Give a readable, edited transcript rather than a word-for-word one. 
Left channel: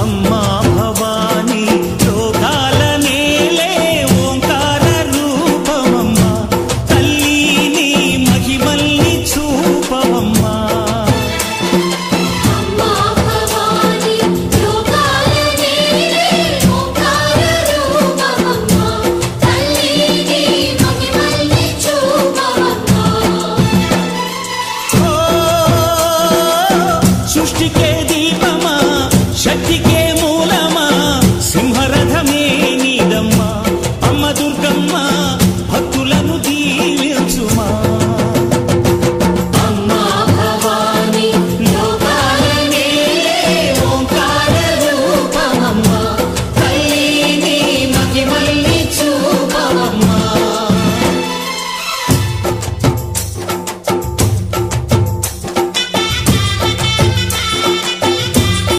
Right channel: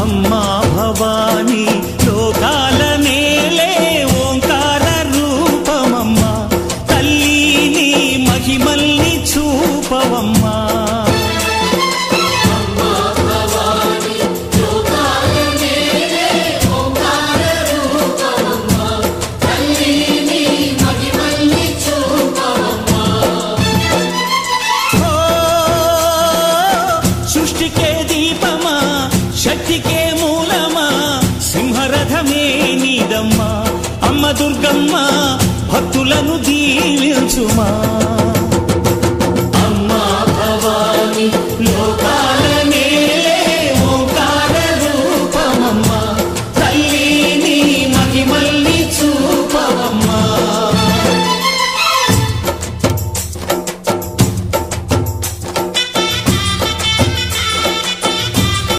అమ్మా భవానీ లోకాల నేలే ఓంకార రూపమమ్మా, తల్లి నీ మహిమల్ని చూపవమ్మా. సృష్టికే దీపమా, శక్తికే మూలమా, సింహరథమే నీదమ్మా. అమ్మ దుర్గమ్మ భక్తులను దీవించుమా.